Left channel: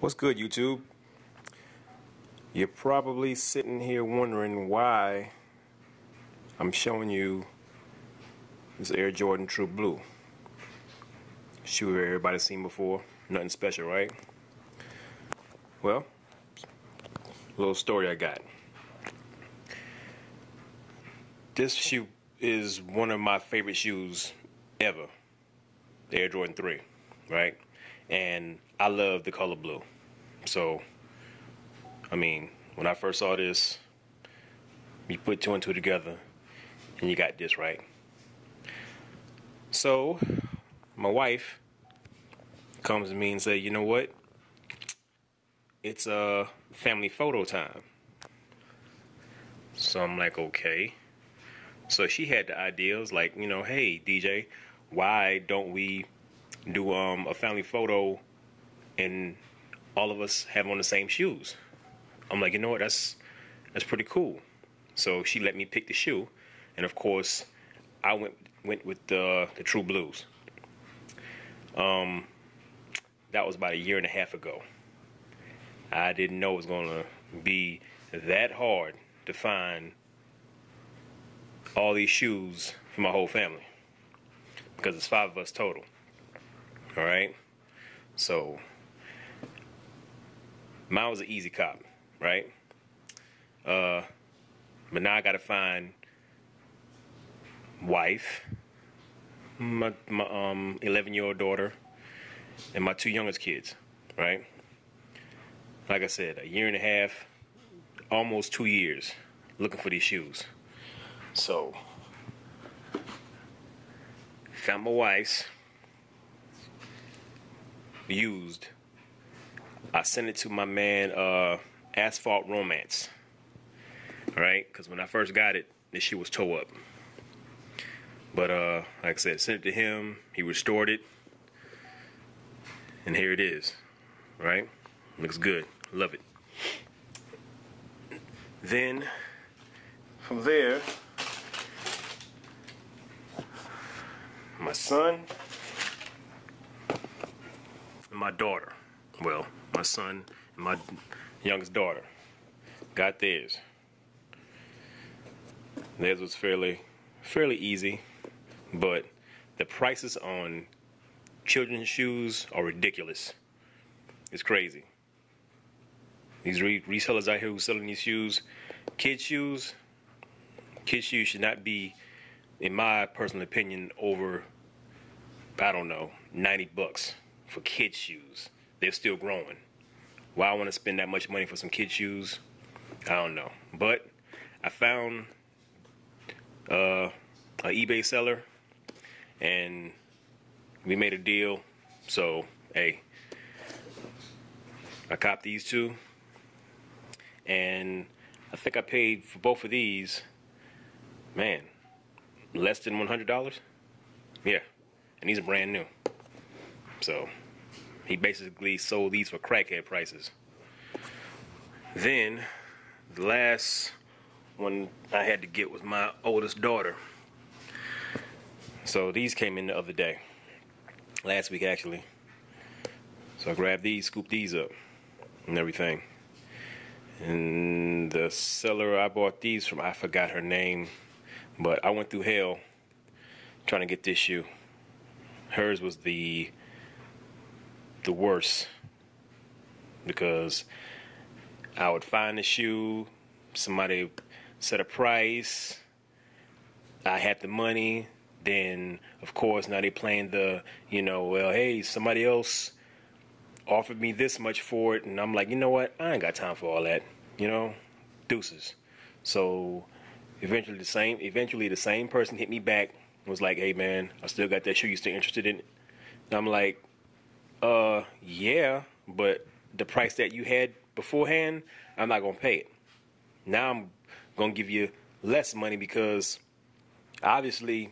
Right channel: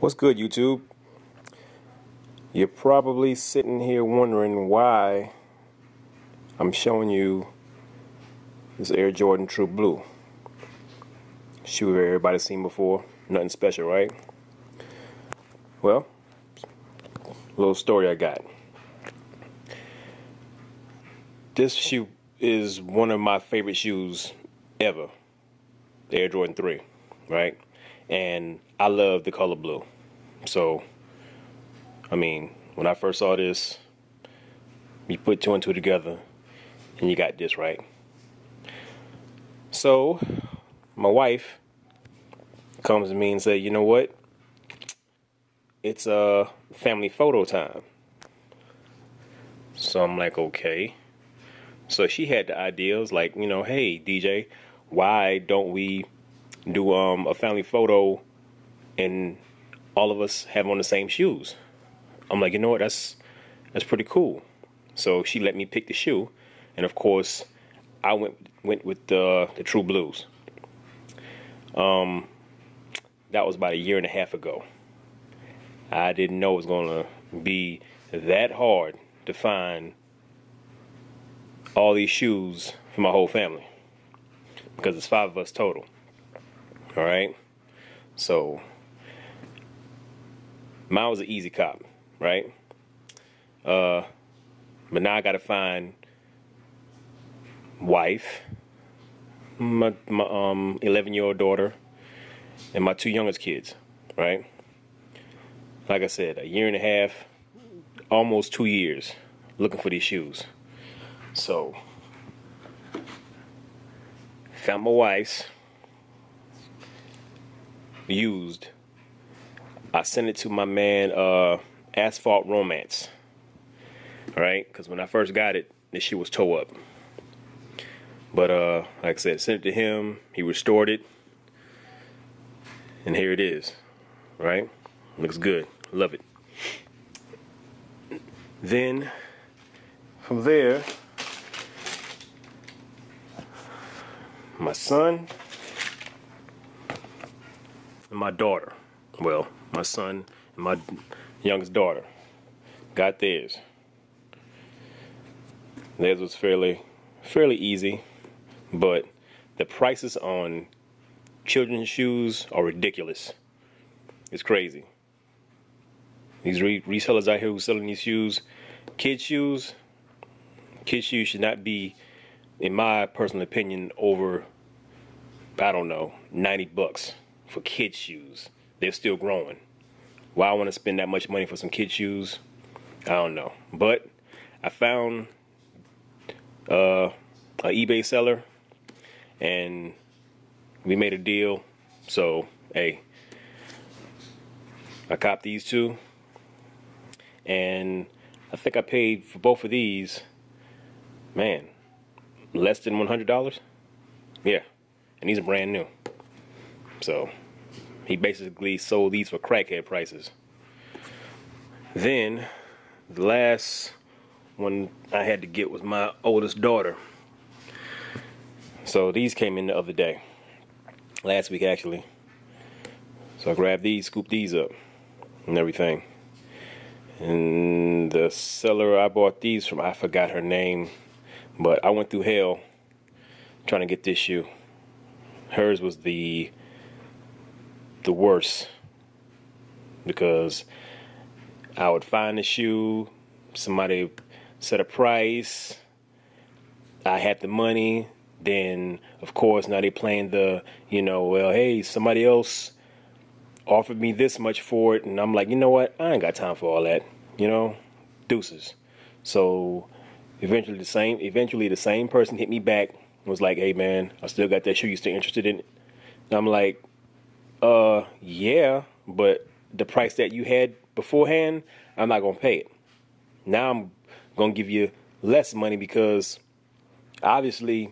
What's good, YouTube? You're probably sitting here wondering why I'm showing you this Air Jordan True Blue. Shoe everybody's seen before. Nothing special, right? Well, a little story I got. This shoe is one of my favorite shoes ever. The Air Jordan 3, right? And I love the color blue. So, I mean, when I first saw this, you put two and two together, and you got this, right? So, my wife comes to me and says, you know what? It's a family photo time. So I'm like, okay. So she had the ideas like, you know, hey, DJ, why don't we do a family photo and all of us have on the same shoes? I'm like, you know what, that's pretty cool. So she let me pick the shoe, and of course I went with the True Blues. That was about a year and a half ago. I didn't know it was gonna be that hard to find all these shoes for my whole family, because it's 5 of us total. All right, so mine was an easy cop, right? But now I gotta find wife, my 11-year-old daughter, and my 2 youngest kids, right? Like I said, a year and a half, almost 2 years, looking for these shoes. So, found my wife's used. I sent it to my man, Asphalt Romance. Alright, because when I first got it, this shit was toe up. But, like I said, sent it to him, he restored it, and here it is. Right? Looks good. Love it. Then, from there, my son and my daughter. Well, my son and my youngest daughter got theirs. Theirs was fairly easy, but the prices on children's shoes are ridiculous. It's crazy. These resellers out here who selling these shoes, kids shoes should not be, in my personal opinion, over, I don't know, 90 bucks for kids shoes. They're still growing. Why I want to spend that much money for some kids shoes, I don't know. But I found an eBay seller, and we made a deal. So, hey, I copped these two, and I think I paid for both of these, man, less than $100. Yeah, and these are brand new. So he basically sold these for crackhead prices. Then the last one I had to get was my oldest daughter. So these came in the other day, last week actually. So I grabbed these, scooped these up and everything. And the seller I bought these from, I forgot her name, but I went through hell trying to get this shoe. Hers was the worst, because I would find the shoe, somebody set a price, I had the money, then of course now they playing the, you know, well, hey, somebody else offered me this much for it, and I'm like, you know what, I ain't got time for all that, you know, deuces. So eventually the same person hit me back and was like, hey man, I still got that shoe, you still interested in it? And I'm like, yeah, but the price that you had beforehand, I'm not gonna pay it. Now I'm gonna give you less money, because obviously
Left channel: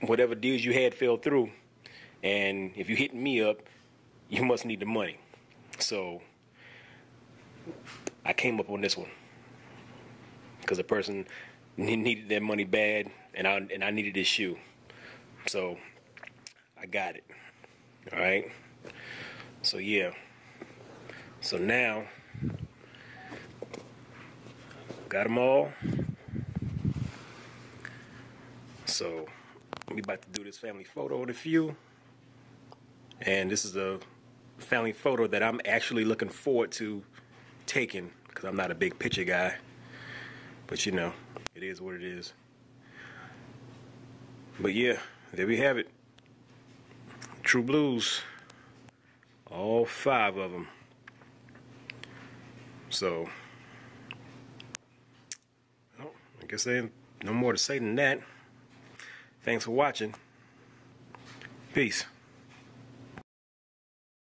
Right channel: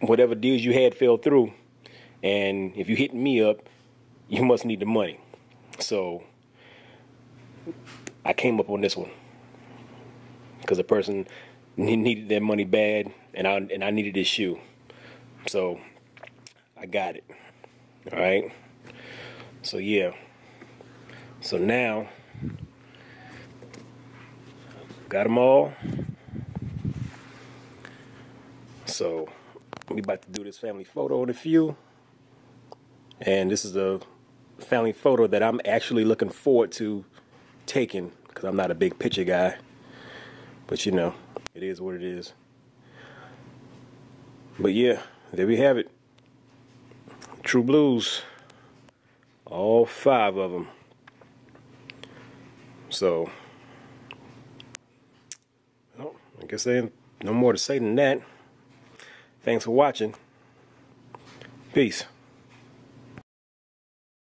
whatever deals you had fell through, and if you hit me up, you must need the money. So I came up on this one because the person needed their money bad, and I needed this shoe. So I got it. All right. So yeah, So now, got them all. So we about to do this family photo with a few. And this is a family photo that I'm actually looking forward to taking, because I'm not a big picture guy. But you know, it is what it is. But yeah, there we have it. True Blues. All 5 of them. So, well, I guess there ain't no more to say than that. Thanks for watching. Peace.